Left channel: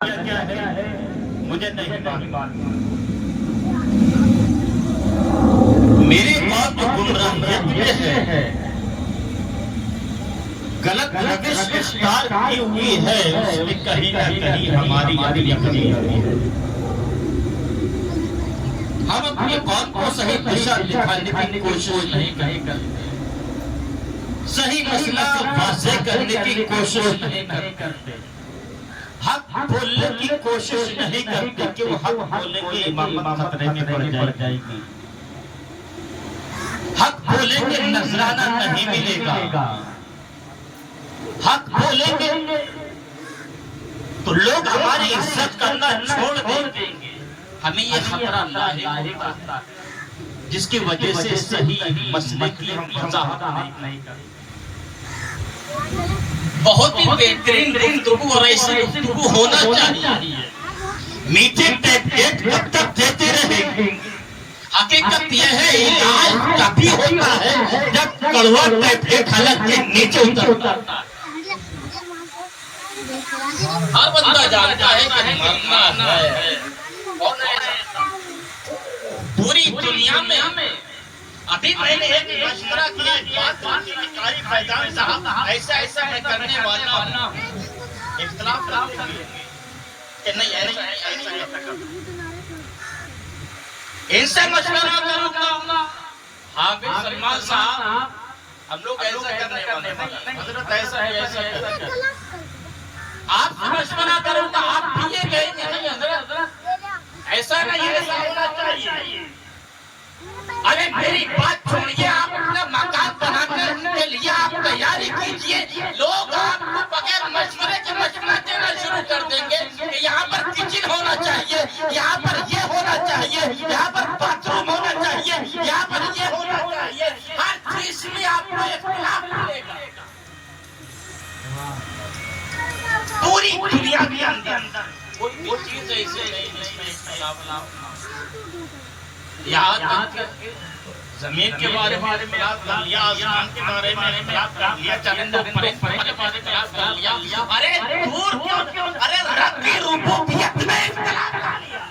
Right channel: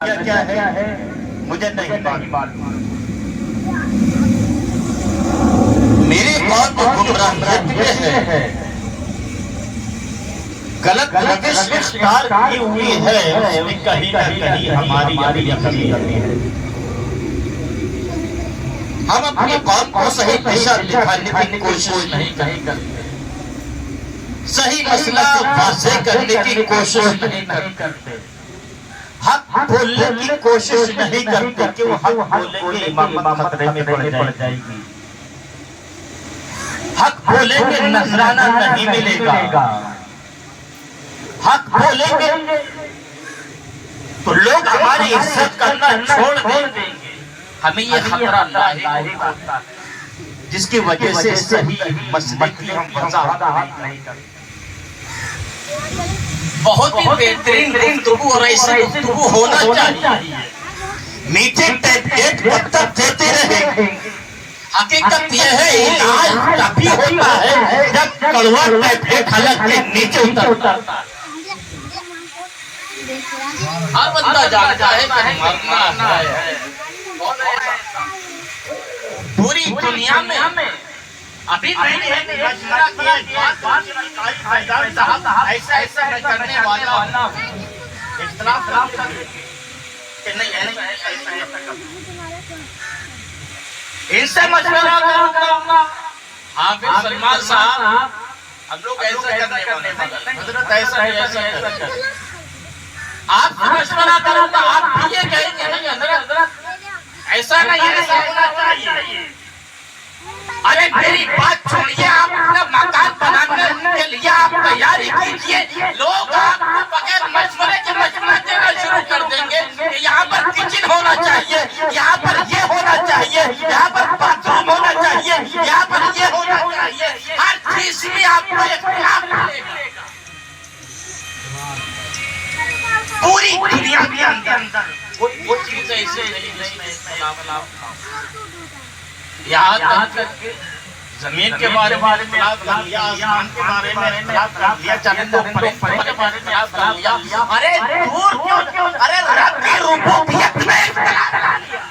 کیا ہے مجھے نہیں معلوم. میری بات تو گمراہیت میں ہے، غلط روش اختیار کی ہوئی ہے، اس میں کہیں نہ کہیں ہماری کمی ہے. ہم اپنی قوم کو صحیح دشا دکھانے کی کوشش نہیں کرتے، صحیح مسئلہ واضح کرنے کی کوشش نہیں کرتے، حق بولنے کی کوشش نہیں کرتے کہ وہ حق بولیں گے امامت خطرے میں پڑ جائے گی، حق بولیں گے نذرانہ نہیں ملے گا، حق بولیں گے تو لوگ ہماری عزت کرنا چھوڑ دیں گے. ہمیں یہ خطرہ لاحق ہوتا ہے جس کی وجہ سے صحیح مسئلے کی ہم وضاحت نہیں کرتے. بہت ہی بہترین گفتگو اور ایسی گفتگو ہونا چاہیے. میٹنگ ڈیٹ وقت تک دیتے رہے. حقیقت یہ ہے علاج تبھی ہوتا ہے جب کڑوا ٹیپ حلق کے نیچے اترتا ہے. ہر بندہ جانتا ہے کہ مرنا ہے. پوری دنیا میں ابھی میں نے ایک مشورہ کیا قاری فیضان صاحب ایسا میں کرنے والا ہوں، اختلاف کہ نہیں ایسا ان سے مشورہ کروں گا. حافظ سلمان صاحب ہم لوگ ایسا کرنے والے حضرت ایسا آپ سے مشورہ کروں گا، آپ بھی یہ کہیں گے نہیں حضرت ایسا نہیں ایسا ہونا چاہیے. ارے میری بات سنیے، آپ اپنا مکان بنانے کے لیے آپ تیاری کیجئے. لوگ آپ کو بغیر مشورے کے مشورہ دینا شروع کر دیں گے کہ یہاں پر کچن ہونا چاہیے، یہاں پر یہ ہونا چاہیے، یہاں پر باتھ روم ہونا چاہیے، یہاں پر یہ ہونا چاہیے. ہر چیز میں آپ کو اختلاف ملے گا. پوری دنیا کے اندر کوئی چیز ایسی نہیں جس میں اختلاف. یہاں تک زمین کے بارے میں اختلاف کر لیا، آسمان کے بارے میں اختلاف کر لیا، چرندوں پرندوں کے بارے میں اختلاف کر لیا. ارے دور کیوں، ارے رب کی ربوبیت میں اختلاف کر لیا،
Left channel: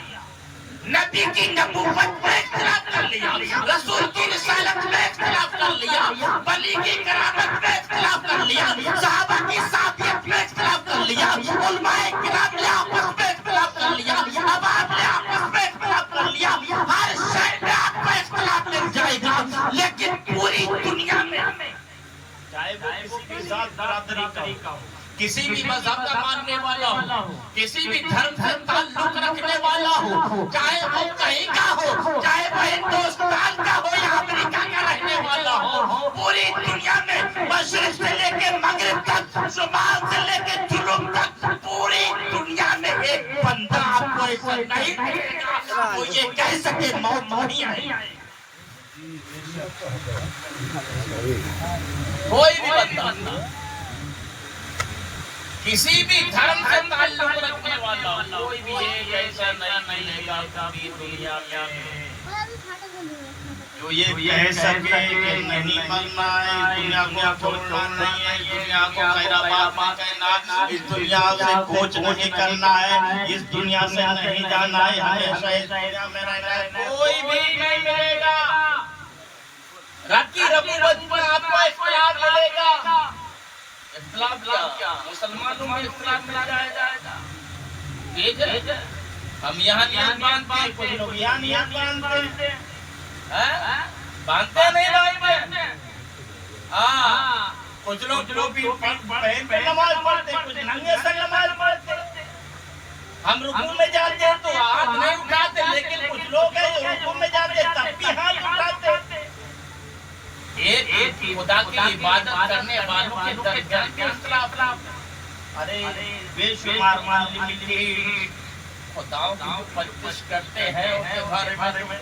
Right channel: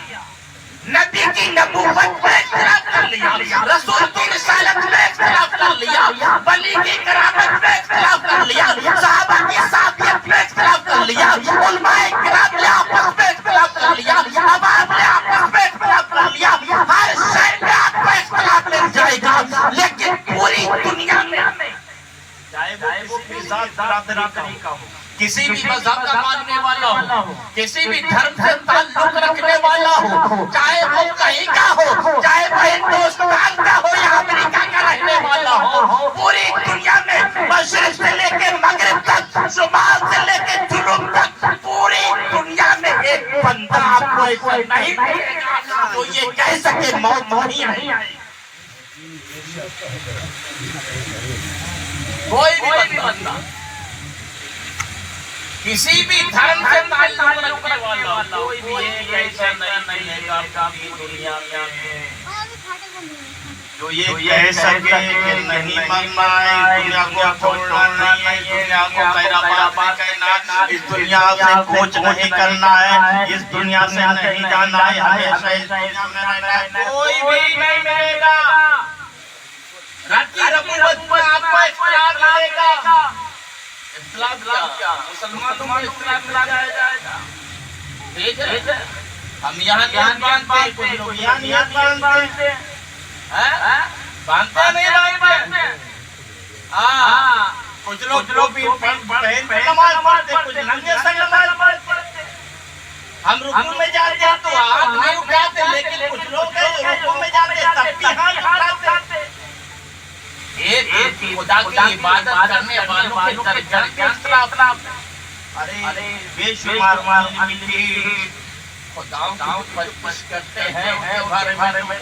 نبی کی نبوت میں اختلاف کر لیا، رسول کی رسالت میں اختلاف کر لیا، ولی کی کرامت میں اختلاف کر لیا، صحابہ کی صحابیت میں اختلاف کر لیا، علماء کرام نے آپس میں اختلاف کر لیا، عوام نے آپس میں اختلاف کر لیا. ہر شے میں آپ کو اختلاف مل جائے گا، لیکن پوری دنیا میں چاہے وہ کسی بھی ذات برادری کا ہو، کسی بھی مذہب کا ماننے والا ہو، کسی بھی دھرم سے تعلق رکھنے والا ہو، چاہے وہ کہیں کا ہو، چاہے وہ ہندوستان کا ہو یا امریکہ کا رہنے والا ہو، پوری دنیا میں مشرق سے لے کے مغرب تک، شمال سے لے کے جنوب تک، پوری دنیا میں ایک بندہ آپ کو ایسا نہیں ملے گا تو یہ کہہ سکے موت نہیں آئی. کوئی بھی بندہ کسی بھی دھرم سے تعلق رکھنے والا کوئی بھی ایک ایسا نہیں ملے گا پوری دنیا میں جو یہ کہہ سکے کہ نہیں مرنا ہے، دنیا کو چھوڑنا نہیں، دنیا کو خیرآباد کہنا، اس دنیا سے کوچ نہیں کرنا ہے، اس دنیا سے نہیں جانا ہے، ہمیشہ اس دنیا میں رہنا ہے. کوئی بھی نہیں ملے گا. رب کی ربوبیت میں آپ کو اختلاف ملے گا. اختلاف کیا؟ مسلمانوں میں اختلاف ملا جائے گا. ٹھیک ہے، ہم یہاں نیت مانتے ہیں، کچھ لوگ یہاں نیت مانتے ہیں. باندھتے نہیں باندھتے. ہاں، کچھ لوگ بھی پہن پہ نماز پڑھتے، کچھ ننگے سے نماز پڑھتے. ہم رکوع میں جاتے ہیں تو ہاتھ نہیں اٹھاتے، لیکن کچھ لوگ ہیں جو رکوع میں جاتے ہیں تب بھی ہاتھ اٹھاتے. ایک خدا کی عبادت کرنے والوں کے درمیان میں اختلاف. ارے بے شمار معاملے خداؤں کی پرستش کرتے ہیں، ان کے بارے میں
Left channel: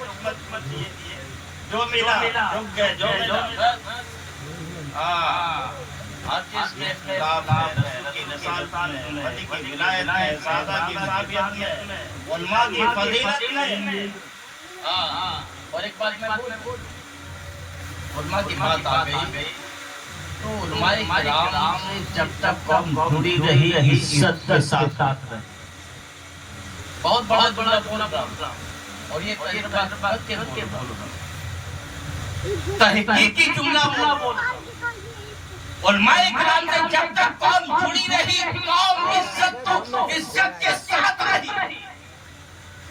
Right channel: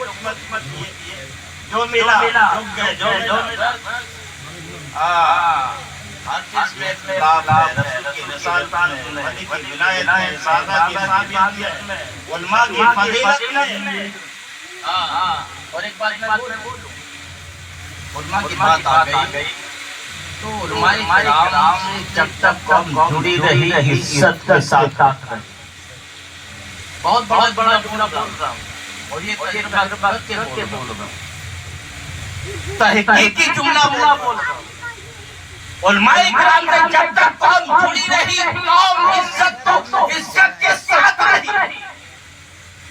جو ملا رک گئے، جو ملا. ہر چیز میں اختلاف ہے. رسول کی رسالت میں، نبی کی ولایت میں، صحابہ کی صحابیت میں، علماء کی فضیلت میں. اور ایک بات میں بولوں، علماء کی بات آ گئی تو علماء کرام سے جب تک قوم جڑی رہی عزت کے ساتھ رہی. بہت بہت بڑا بول رہا ہوں اور یہ تحقیقی جملہ بول رہا ہوں. علماء کرام سے جب تک قوم جڑی رہی قوم عزت کے ساتھ رہی.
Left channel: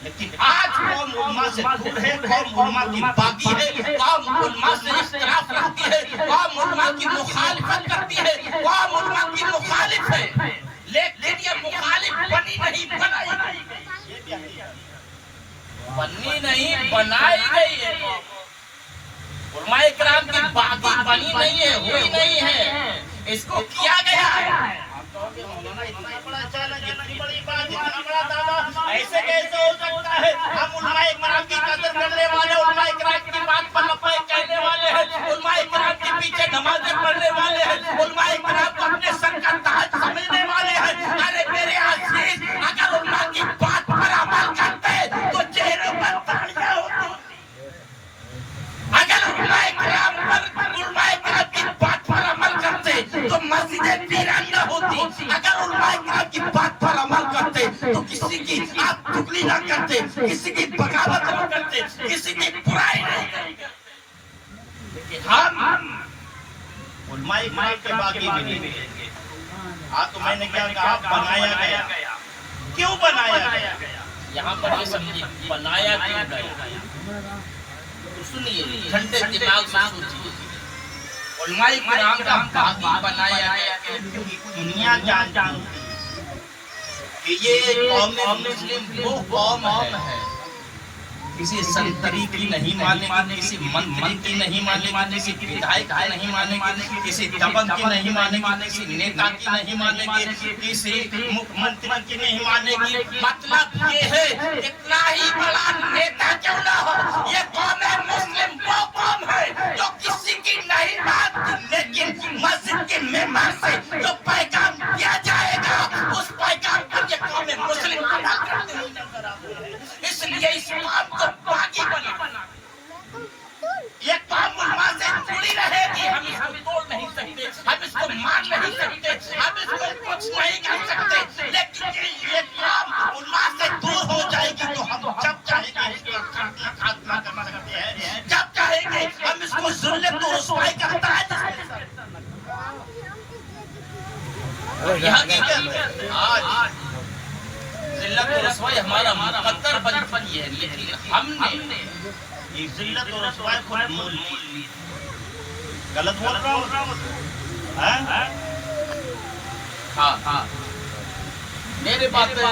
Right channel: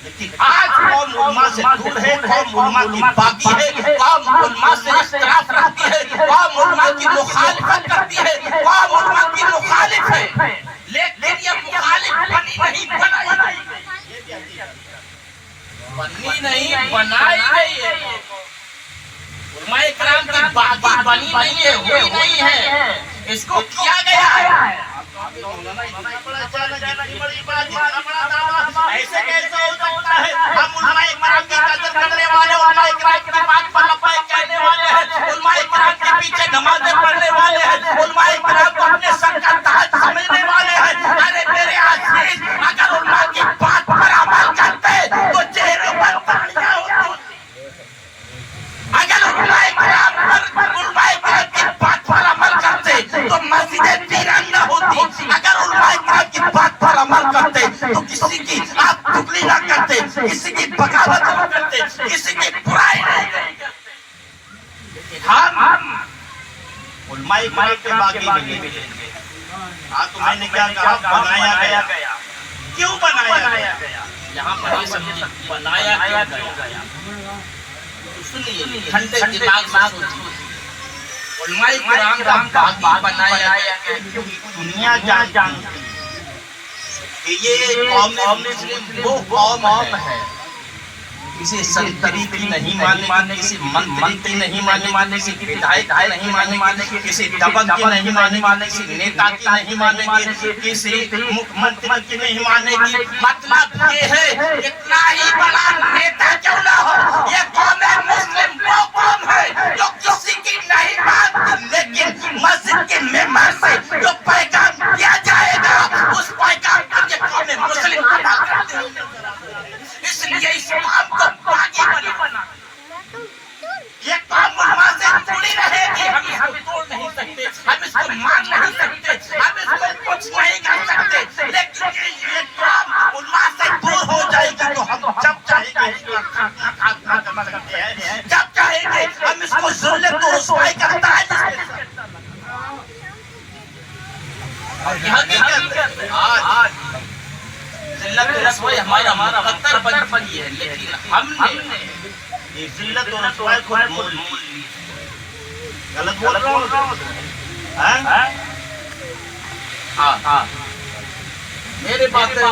لیکن آج قوم علماء سے دور ہے, قوم علماء کی باغی ہے, قوم علماء سے اختلاف رکھتی ہے, قوم علماء کی مخالفت کرتی ہے, قوم علماء کی مخالف ہے. لیکن یہ مخالف بنی نہیں بنائی گئی ہے. علماء کرام کی باغی بنی نہیں ہے, ہوئی نہیں ہے, اس کو کیا گیا ہے. ایسے کیسے ہو سکتا ہے؟ ہم علماء کرام کی قدر کرنے والے, علماء کرام کی بات پر لبیک کہنے والے ہیں, علماء کرام کے پیچھے نمازیں پڑھنے والے ہیں, علماء کرام کو اپنے سر کا تاج سمجھنے والے ہیں. ارے میرے عزیز, اگر علماء کی بات پر عمل کرتے تو چہرے پر تالیاں ہوتی. اگر علماء کرام کی بات پر عمل کرتے تو مسجدیں تیرنگا ہوتی. اگر علماء کرام کی بات پر عمل کرتے تو کسی کی آپ چگلی نہ کرتے, کسی کی بغاوت نہ کرتے, کسی کی برائی نہیں کرتے. لیکن ہم علماء کرام کے باغی نہیں. ہاں تو میں نے کیا کہا, بنایا گیا. کیوں بنایا گیا؟ یہاں پر یہ سمجھیں بنایا گیا. سنیے ٹھنڈے دماغ سے سوچیے. علماء کرام کا باغی بنایا گیا. دنیا جانتی کہ یہ قوم مسلم وہ قوم ہے کسی سنتری کی نہیں ماننے, کسی منتری کی نہیں ماننے, کسی ودھائک کی نہیں ماننے, کسی دبنگ کی نہیں ماننے, کسی نیتا کی نہیں ماننے, کسی منتری کی نہیں ماننے. مطلب یہ ہے اتنا ہی بڑا نیتا کیوں نہ ہو, یہ قوم مسلم وہ قوم ہے جو کسی کی نہیں مانتی. لیکن مسجد کے ممبر سے جو پیغام دیا جائے گا اس پیغام پر یہ قوم مسلم عمل کرتے ہیں. اس لیے اس قوم کو باغی بنا. یہ قوم علماء سے جڑی رہے گی. ہم اس کو توڑ نہیں سکتے, ہم اس کو مان نہیں سکتے, ہم اس کو کچھ نہیں کر سکتے. لیکن یہ قوم علماء سے دور ہو جائے گی تو ہم جب چاہیں گے اس کو خاتمہ کر سکتے ہیں, جب چاہیں گے ہم اس کو ذلت و رسوائی کرتا ہے. یہ حقیقت ہے. آج ذلت و رسوائی ہمارا مقدر بن چکی ہے, لیکن ہم نے یہ ذلت و رسوائی کو مول لی. غلط بول رہا ہوں؟ ہاں میرے باتیں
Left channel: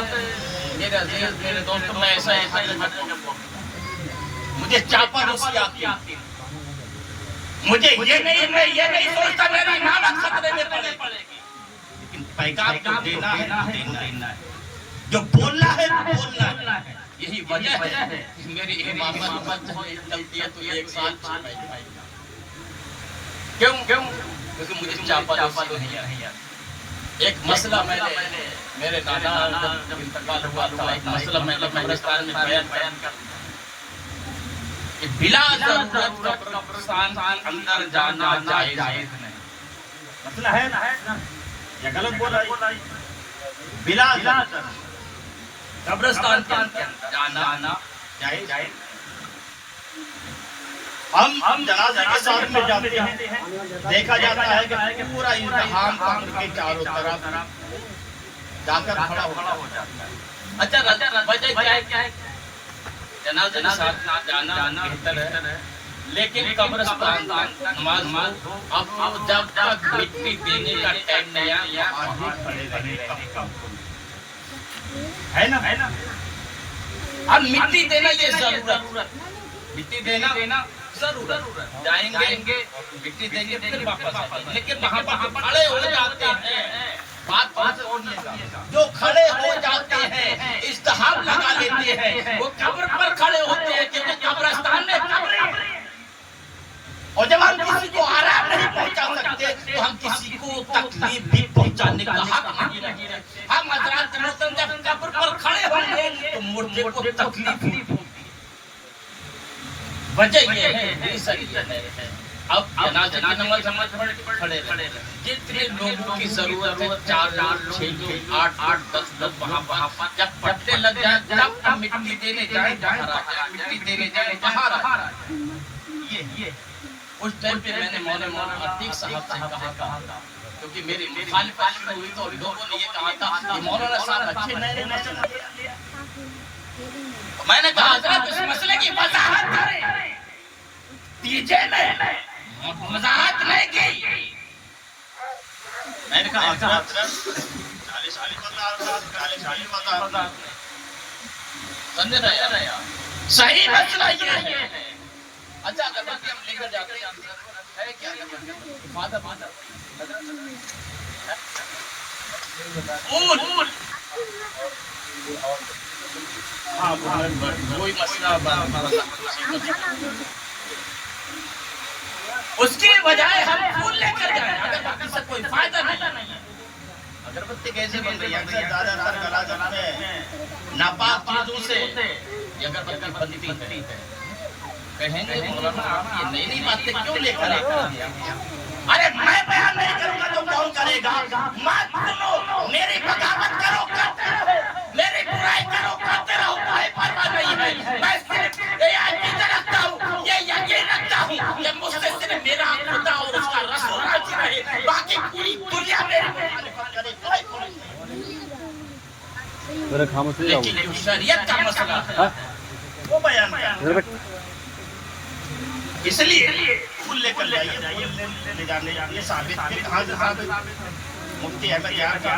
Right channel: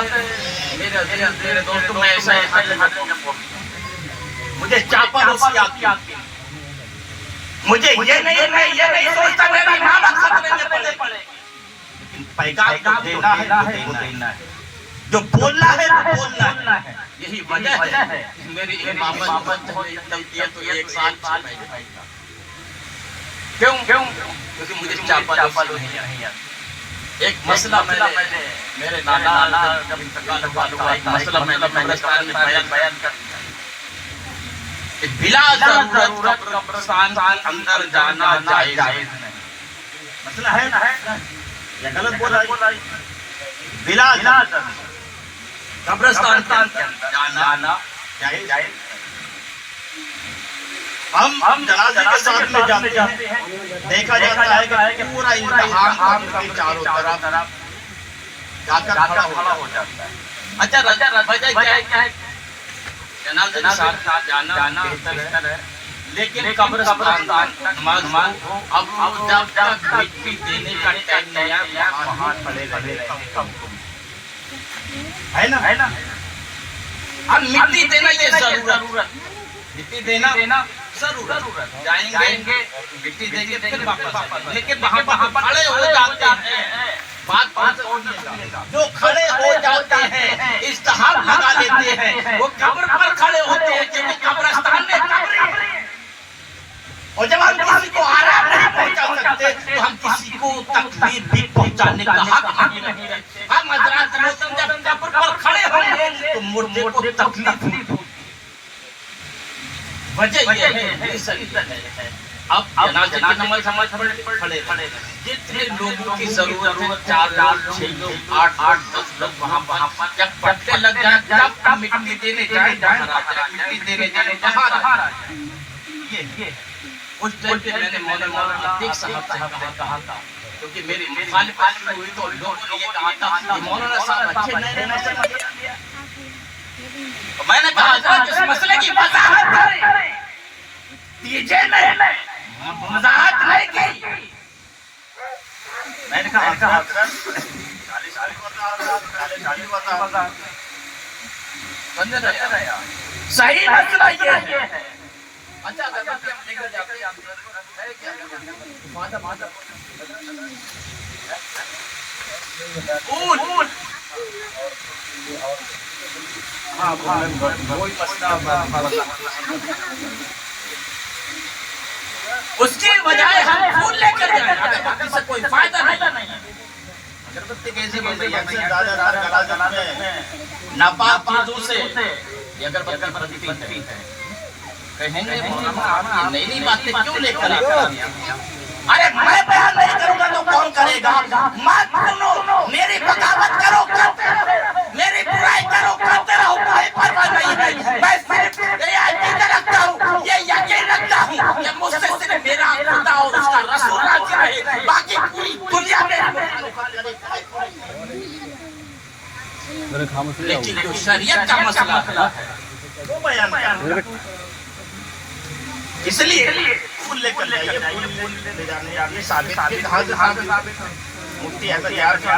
میرے دوستوں میں ایسا مجھے چاپا روسی آتی ہے. مجھے یہ نہیں سوچتا میری امامت خطرے میں پڑے گی. پیغام کو دینا ہے, جو بولنا ہے وہ بولنا ہے. یہی وجہ ہے میری امامت چلتی ہے تو ایک سال چلے گا. کیوں؟ کیونکہ مجھے چاپا نہیں ہے. ایک مسئلہ میرے دادا جب انتقال ہوا, ایک مسئلہ میں نے قبرستان میں بیان کر دیا کہ بلا ضرورت قبرستان کے اندر جانا جائز نہیں. مسئلہ ہے نا, یا غلط بولا؟ بلا ضرورت قبرستان کے اندر جانا جائز. ہم جنازے کے ساتھ میں جاتے ہیں, دیکھا جاتا ہے کہ پورا ازدحام قبر کے چاروں طرف جا کر کھڑا ہو جاتا ہے. اچھا وجہ کیا ہے؟ جنازے کے ساتھ جانا بہتر ہے, لیکن قبرستان اب جب تک مٹی دینے کا ٹائم نہیں آیا وہاں کھڑے رہے ہے نا. ہم مٹی دینا یہ ضرورت, مٹی دینا ضرورت. جائیں گے مٹی دیں گے پھر واپس آئیں گے. لیکن وہاں کھڑے ہو جاتے ہیں, بات جو کھڑے ہو جاتے ہیں ازدحام لگا لیتے ہیں, وہ قبر پر کھڑے ہوتے ہیں کیونکہ قبرستان میں قبر ہے. اور جب ہم کسی کو آرام نہیں پہنچا سکتے تو ہم کسی کو تکلیف بھی پہنچانے کا حق نہیں رکھتے. ہم حضرات محترم جب قبر پر کھڑے ہوں گے تو مردے کو تکلیف ہوگی. وجہ یہ ہے اب جنازے کی نماز سمجھ کھڑے رہے، جتنے لوگوں کی ضرورت ہے 4 لوگ 6 لوگ 8 10 لوگ وہاں پر جب پٹے لگ جائیں جب مٹی دینے جائیں مٹی دینے جائیں کہاں رہا یہ اس ٹائم پہ میں نے مولانا عتیق صاحب سے کہا تھا کیونکہ میری مخالفت ہوئی تو لوگوں نے یہ کہا تھا کہ مولانا صاحب اچھے نئے مسئلے میں نے کہا حضرت اس مسئلے کی وضاحت کریں دیجئے میں وضاحت نہیں کی میں نے کہا حضرت صحیح مسئلہ یہ ہے اچھا اگر ہم لے کر جاتے ہیں ہے کیا مادر اول ہاں وہی مسئلہ اس کی بجائے ہم پھول لے کر جائیں اگربتی سے کوئی فائدہ نہیں ہے اگربتی کیسے بن رہی ہے زیادہ تر گلا جلاتے ہیں ناپاک چیزوں سے یہ اگربتی بنتی ہے کہیں گے مولانا آپ یہ نئی باتیں کیوں لے کر آتے ہیں ارے میں بیان نہیں کروں گا تو کون کرے گا مت سنو میری بغاوت کرو کرتے رہو میری برائی کرو کرتے رہو کوئی پرواہ نہیں ہے میں صرف یہ عقیدہ رکھتا ہوں یہ یقین رکھتا ہوں کہ مجھ سے صرف میرا خدا اور اس کا رسول راضی رہے باقی پوری دنیا میں لیکن جو شریعت کا مسئلہ ہے وہ بیان کریں اس لیے پھول لے کر جائیے لے جانے یہ ثابت کہاں سے مفتی احمد یار کا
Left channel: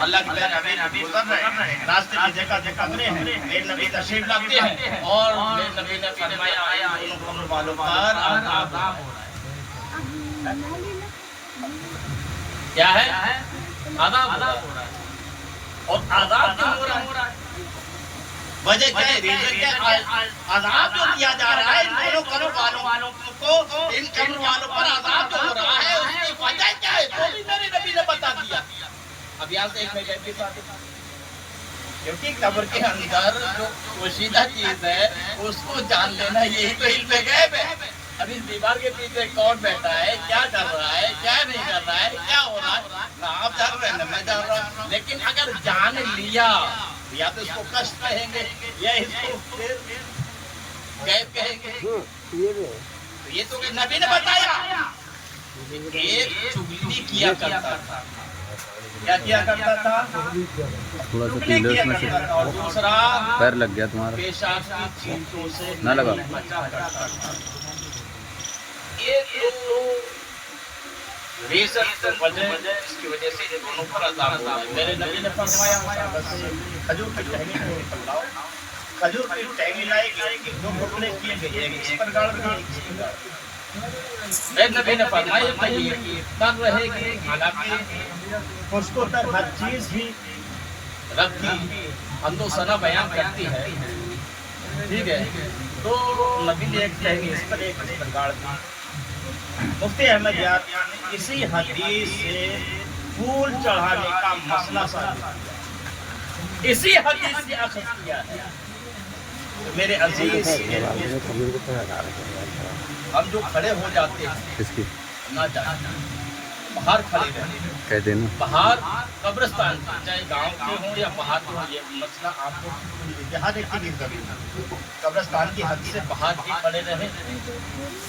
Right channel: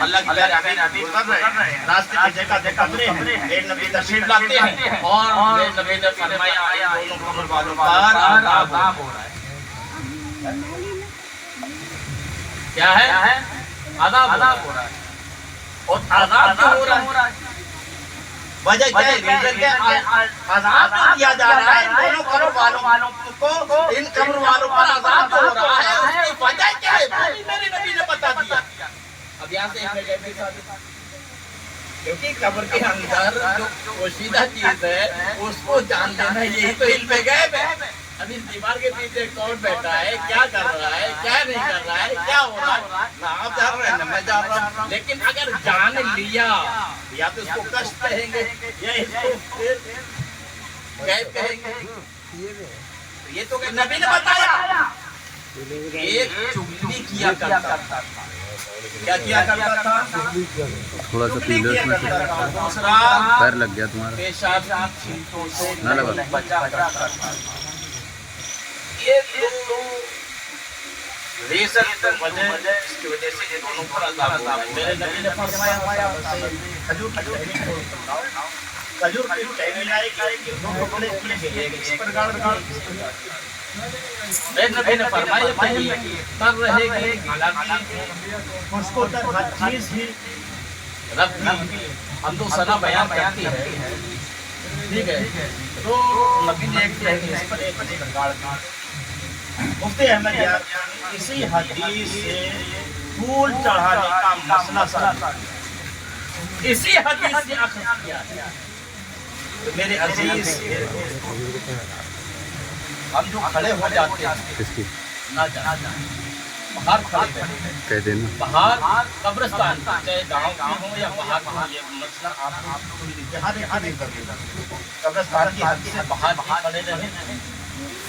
اللہ کی جگہ ابھی کر رہے ہیں راستے کی جگہ قبریں ہیں ایک نبی تشریف لاتے ہیں اور نبی نے فرمایا دونوں قبر والوں پر عذاب ہو رہا ہے کیا ہے عذاب ہو رہا ہے اور عذاب کیوں ہو رہا ہے وجہ کیا ہے ریزن کیا عذاب جو دیا جا رہا ہے ان دونوں قبر والوں کو ان قبر والوں پر عذاب جو ہو رہا ہے اس کی وجہ کیا ہے وہ بھی میرے نبی نے بتا دیا اب یہاں سے ایک غیب بھی ثابت کیونکہ قبر کے اندر جو پوشیدہ چیز ہے اس کو جان لینا یہی تو علم غیب ہے اب اس دیوار کے پیچھے کون بیٹھا ہے کیا کر رہا ہے کیا نہیں کر رہا ہے کیا ہو رہا ہے نہ آپ جان رہے ہیں نہ میں جان رہا ہوں لیکن اگر جان لیا یا تو اس کو کشت کہیں گے یا اس کو پھر غیب کہیں گے یہ تو نبی نے بتایا ایک چگلی کیا کرتا تھا کیا کیا کرتا تھا تھوڑا سا پی لو اس میں سے دوسرا پیر لگ گیا تمہارا پیشاب کی چھینٹوں سے نہ لگا بچا کرتا تھا یہ ریزن وجہ کی وجہ سے یہ دونوں پر عذاب ہو رہا ہے میرے نبی نے فرمایا کھجور کی ٹہنی کو پکڑاؤ کھجور کی ٹہنی لائے کہ دو ٹکڑے کیے گئے اس پر گاڑ دو میرے نبی نے فرمایا تر رہے گی حالانکہ اس کو تر ہر چیز ہی رب کی حمد و ثنا بیان کرتی ہے ٹھیک ہے تو نبی نے ایک ٹہنی اس پر ایک گاڑ دی مفتی احمد یار اسی حدیث سے پھول چڑھانے کا مسئلہ ثابت اسی حدیث سے اخذ کیا ہے تو میرے عزیز ہم جو کھڑے ہو جاتے ہیں نہ جاتے باہر کھڑے رہتے ہیں باہر قبرستان چاہے گاؤں کے ہوں یا باہر کے ہوں یہ مسئلہ آپ کو جہاں دیکھیں نہیں کرے قبرستان کی حد سے باہر ہی کھڑے رہیں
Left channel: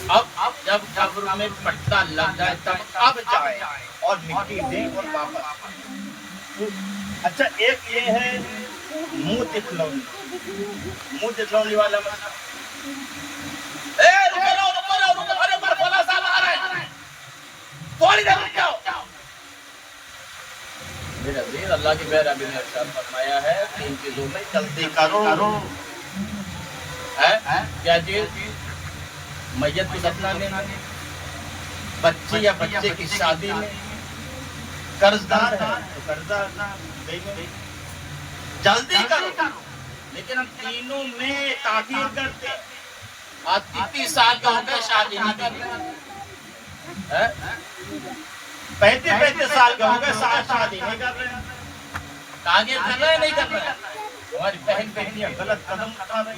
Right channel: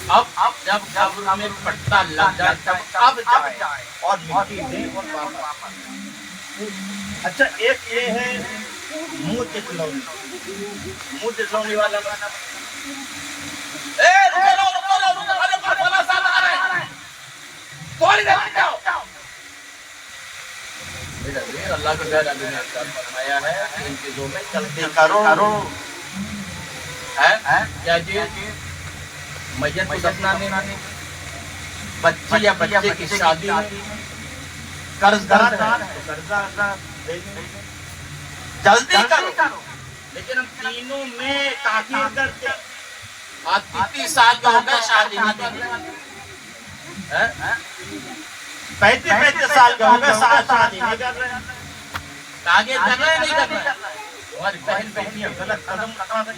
اب جب قبر میں پٹا لگ جائے تب اب جائیں اور مٹی دیں اور واپس اچھا ایک یہ ہے منہ تکلونی والا مسئلہ اللہ کے بہر ابھی نے ارشاد فرمایا ہے کہ ان چیزوں میں غلطی کرو کیا چیز میت کو دفنانے میں بچی یا بچے کی شادی میں قرض دار ہے قرضہ جلدی کرو لیکن ہم تینوں میں تاخیر کرتے آج 30 سال کا ہوگا شادی نہیں کر رہے 35 سال کا ہوگا شادی نہیں کر رہے تاخیر کر رہے نہیں کر رہے ہماری بہن بہنیاں غلط قدم اٹھا رہی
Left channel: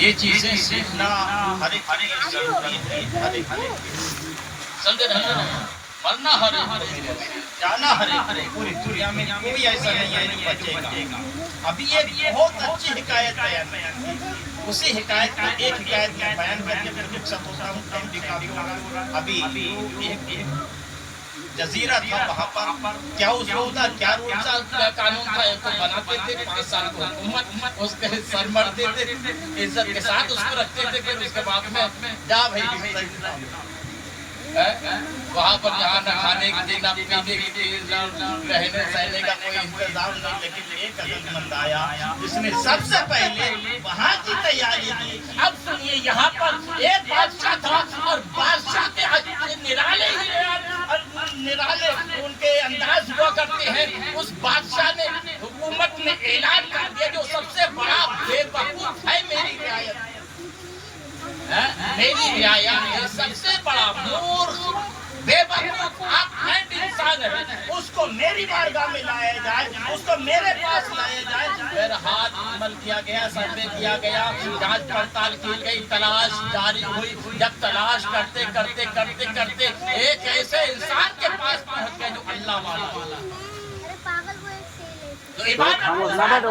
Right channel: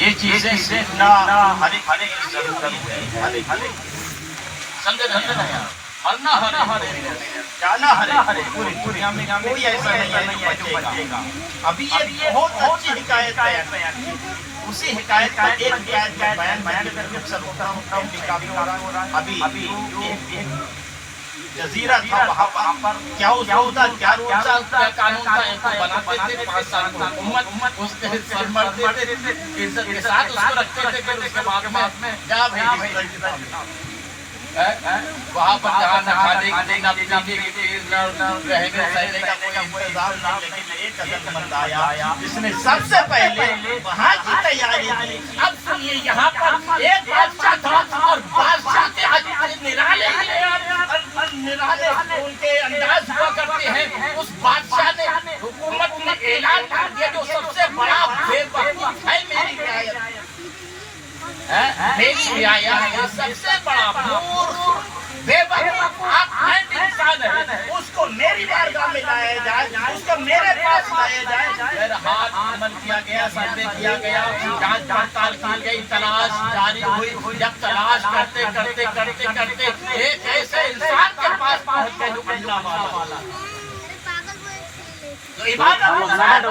یہ چیزیں سیکھنا ہر ایک ضروری ہے. پڑھنا ہر جانا ہر پوری دنیا میں کوئی ایسا نہیں ہے جو بچے گا. ابھی ایک بہت اچھی حکایت ہے. اسی حکایت کا ایک حکایت میں بیان ابھی جزیرہ تھا وہاں پر کیا اصول تھا کیا رول تھا کیا قانون تھا. ایک کو بناتے تھے 5 سال کو حکومت اس کے سر مرتے تھے عزت کے ساتھ اس کو رکھتے تھے. پھر اس کے بعد میں جا بھائی وہاں پر جہاں نہ کھانے کی نہ پینے کی رہنے سہنے کا کوئی انتظام نہیں. لیکن ایک عقل مند آیا جس نے سب سے پہلے وہاں کی تیاری کی. اب سنیے یہاں پر ایک بادشاہ تھا اور بادشاہ کے نرالے ان کے انداز ہوا کرتے ہیں. اس بادشاہ نے حکومت نے اعلان کر دیا جو سب سے بڑا بے وقوف ہے میری رعایت میری رعایت ہے سب سے بڑا مورخ بے وقوف آپ انسان ہے. اس کو میری بارگاہ میں لایا جائے اس کو میرے پاس لایا جائے. پھر ہاتھ عمل کیا گیا سروے کیا گیا جانچ پڑتال کی گئی تلاش جاری ہوئی. جب تلاش کرتے کرتے کرتے کرتے ایک ایسے انسان کے پاس پہنچ گئے جو اللہ والا جو عبادت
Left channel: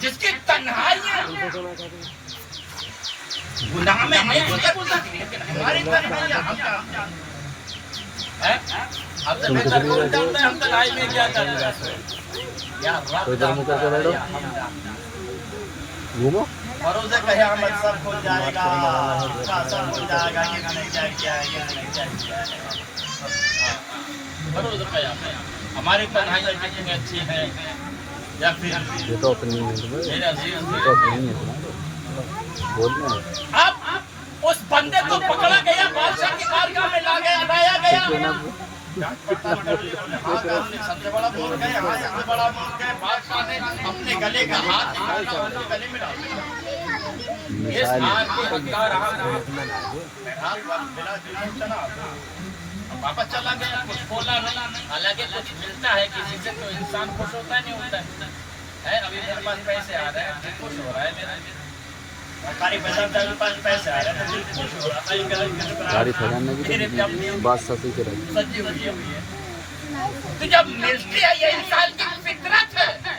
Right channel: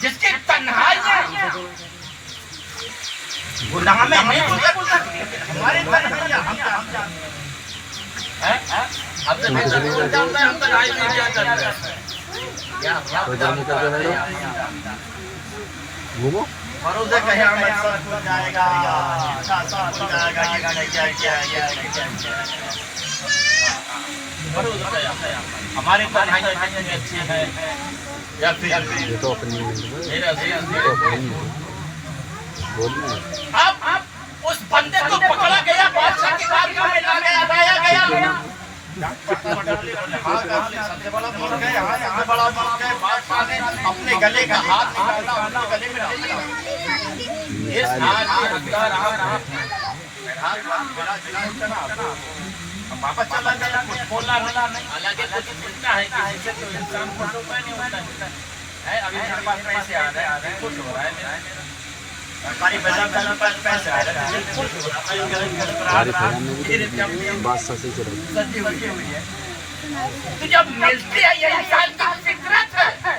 جس کی تنہائیاں گناہ میں نہیں گزر ہمارے تنہائیاں ہم تنہائی میں کیا کر رہے ہیں گھومو بروز قیامت سب ہو جائے گا سب ہو جائے گا. بروز قیامت ہماری تنہائیاں کتنی اچھی ہے یا پھر یہ تو اپنی میرا بولنا اب اس بندے کو پکڑا گیا بادشاہ کی بارگاہ میں لایا گیا. سب سے بڑا بول گئے بڑا بول گئے بادشاہ نے اپنے گلے کا ہاتھ گلے میں ڈالا. اس ہاتھ کے حقدار واپس چلا گیا کچھ بولا نہیں. حالانکہ کچھ ملتا ہے کسی سے تو انسان خوش ہوتا نہیں ہوتا ہے. ابھی میرے پاس پیسے آ رہے ہیں خوش ہو رہا ہے. ہماری پیسے آ رہے ہیں بات سچی چل تو جب ملتی ہے یہ انسان کی فطرت ہے.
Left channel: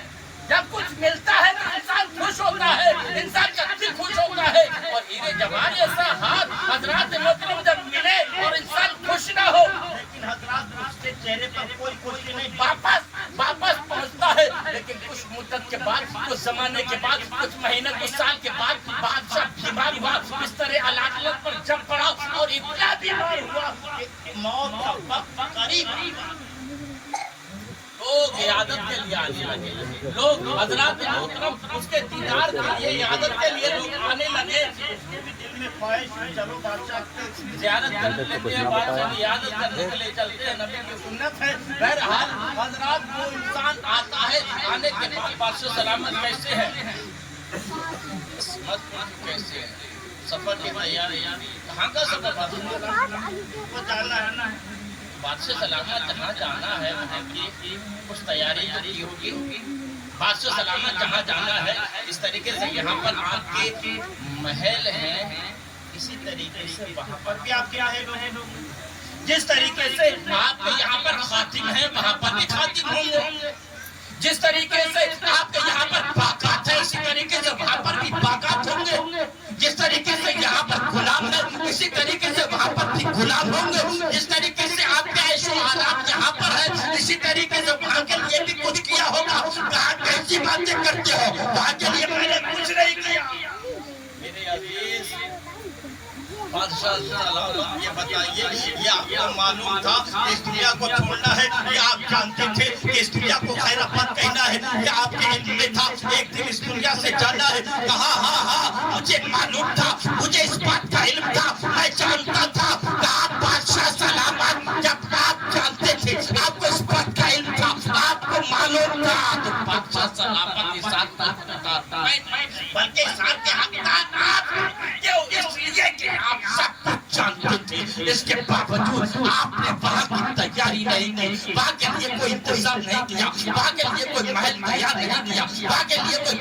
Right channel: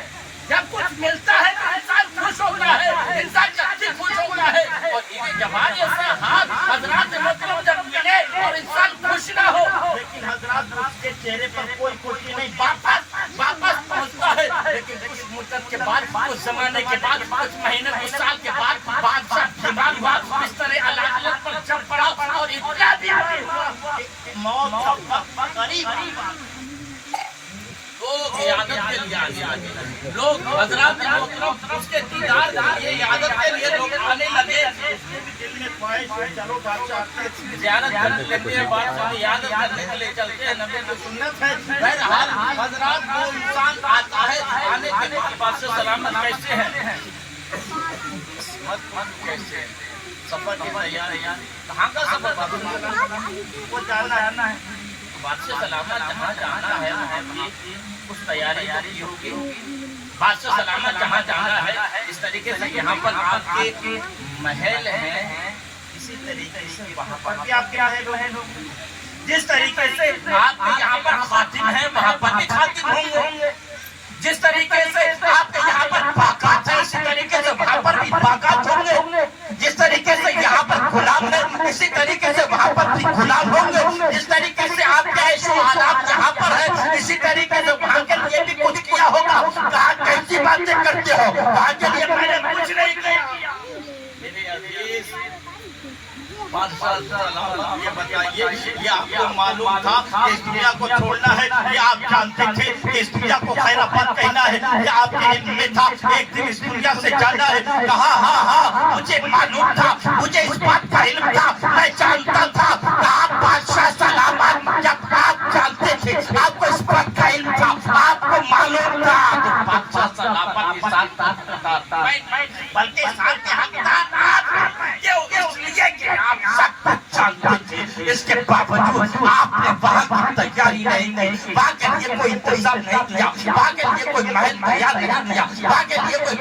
جب کچھ ملتا ہے تو انسان خوش ہوتا ہے انسان جلدی خوش ہوتا ہے. اور جب ایسا ہاتھ حضرات محترم جب ملے اور انسان خوش نہ ہو لیکن حضرات اس کے چہرے پر کوئی خوشی نہیں واپس پہنچتا ہے. لیکن کچھ مدت کے بعد کچھ زمانے کے بعد کچھ مہینے کچھ سال کے بعد بادشاہ بیمار ہوا اس طرح علاقات پر جب پڑا اور اتنا بیمار ہوا موت کا وقت قریب لوگ عیادت کے لیے آنے لوگ حضرات محترم اس کے دیدار کے لیے عیادت کے لیے لوگ آنے لگے. اس کے بھی دل میں خواہش ہوئی چلو بادشاہ کے زیارت کرنے لگے بادشاہ کی عیادت کرنے کے لیے چلتے ہیں. نبی کی سنت ہے. بہرحال حضرات وہ انسان آتا ہے آنے کے بعد بادشاہ سلامت کیسے ہیں کیسے ہیں سفر کی تیاریاں کہاں کا سفر وہ جاننا ہے. بادشاہ سلامت جہاں جانا ہے اس تیاری کو کی ہوگی. بادشاہ سلامت جہاں جانا ہے اس طریقے سے یہاں پر آپ کے محل ہیں اسی طریقے سے وہاں پر بھی آپ کے رہے گا. جس طریقے سے آپ کے یہاں پر خاتم ہیں وہاں پر بھی خاتم ہوں گے. جس طریقے سے آپ کے یہاں پر باقات ہیں اسی طریقے سے وہاں پر بھی باقات ہوں گے. جس طریقے سے یہاں پر غلام ہے اسی طریقے سے وہاں پر بھی غلام ہوں گے. جس طریقے سے آپ کے عیش و حالات یہاں پر ہے اسی طریقے سے وہاں کے لیے بھی کچھ کیا ہوگا. کہاں کیسی باتیں کرتے ہو وہاں کے لیے میں نے کچھ نہیں کیا. میرے عزیز بادشاہ سلامت یہ بتائیے یہ آپ کو معلوم تھا کہ اس دنیا کو چھوڑنا ہے. یہ آپ جانتے تھے کہ اس دنیا کو خیر آباد کہنا ہے. یہ آپ کے علم میں تھا ایک دن اس دنیا سے جانا ہے. کہا ہاں مجھے معلوم تھا مجھے اس بات کا علم تھا میں جانتا تھا کہ آپ بادشاہ سلامت جب آپ جانتے تھے آپ کو اس بات کا علم تھا آپ کو معلوم تھا تو بادشاہ سلامت کے ساتھ بلکہ ساتھ کے حقدار آپ اس لیے کہ آپ سب کچھ جانتے تھے. اس کے باوجود آپ نے وہاں کی تیاری نہیں کی. وہاں کے لیے کوئی انتظام نہیں کیا. وہاں کے لیے کوئی محل تیار نہیں کیا. وہاں کے لیے کوئی